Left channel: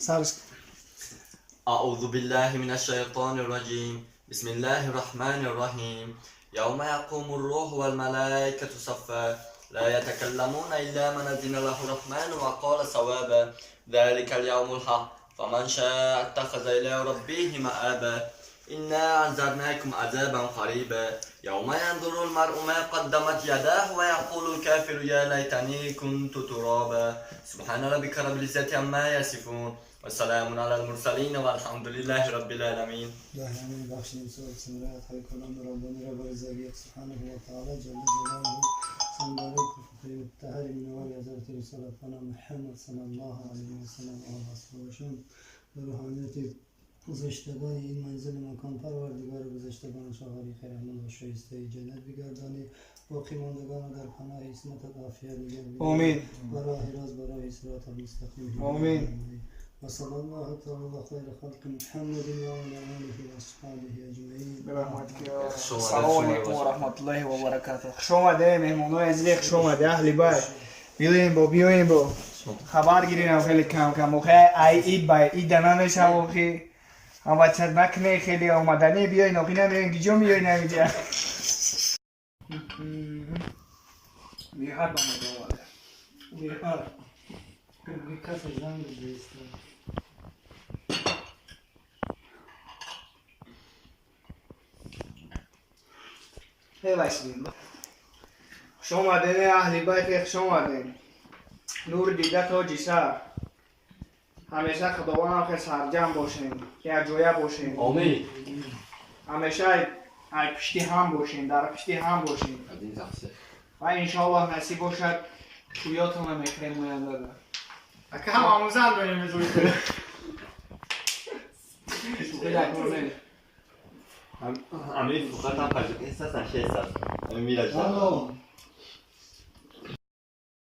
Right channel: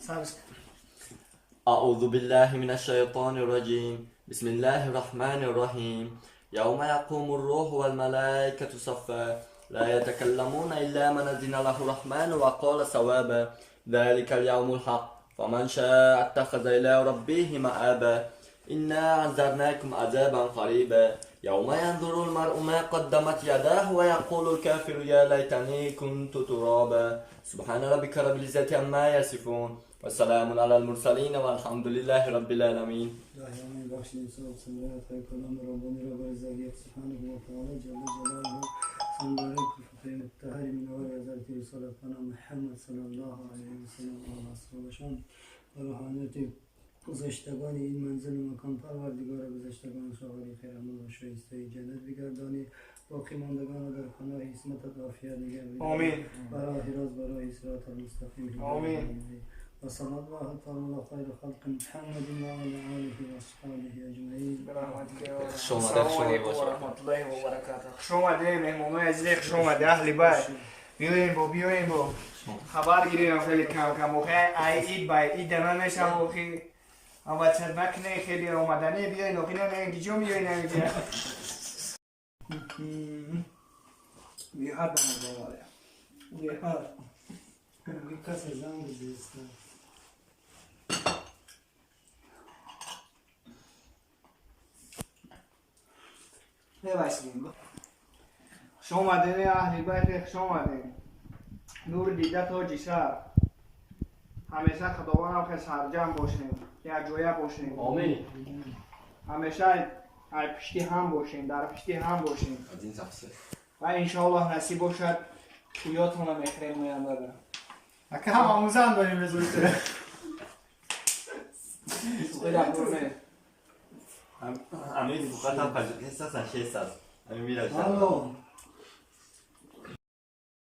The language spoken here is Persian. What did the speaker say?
سرش أعوذ بالله من الشيطان الرجيم. بسم الله الرحمن الرحيم. يوم يقوم الروح والملائكة صفا لا يتكلمون إلا من أذن له الرحمن وقال صوابا ذلك اليوم الحق فمن شاء اتخذ إلى ربه مآبا إنا أنذرناكم عذابا قريبا يوم ينظر المرء ما قدمت يداه ويقول الكافر يا ليتني كنت ترابا سبحان ربك رب العزة عما يصفون وسلام على المرسلين والحمد لله رب العالمين. دعاء بخشید صورت سمرات های کلام ربانی را بر زاویه سبحانه و تعالی جل جلاله سنباره کفر متحر من آل حضرت رسول خانه محمد صلی الله علیه و سلم و اصحابشان و روحانیت گذشتگان این منزل مکان پروردگار گذشتگان شاهری خیر احمد و شایسته جنت بگردانی باقی ماندگان در پناه عصمتت عافیت نگه آمین. برای راز برای صراط المستقیم آمین. وصلى الله تعالى على خير خلق محمد وعلى آله وأصحابه أجمعين. السلام علیکم و رحمت الله و برکاته. خوش آمده مهمونای عزیز، خوش آمده اهل بیت. بیاین با خبر گیریم خیلی کم موقع عید باید عید دنانش هم موقعی هم بچه نکنه خیلی آمدنی بیاین آقی نمیگن گیجا میاین نمیجا بیهر بامد آمده بیهر کس زنگ بزیسته بباشید خوش آمدین اهل بیت، خوش آمدین. نور دیده تاج سر، همیشه خداوند خیلی سرجم باشین، یک جایه باشین. آمین. همیشه ای پشتی هم باشین، در پشتی هم باشین از این تقصیر و انشاءالله نصیب باشد تویاتون هم اکرم موینده ده اکه هم آموزن داریم بزرگی کنه خیلی اکرونه امیر فقط هم پجوک این ساستن 6 ساست امیر میره الو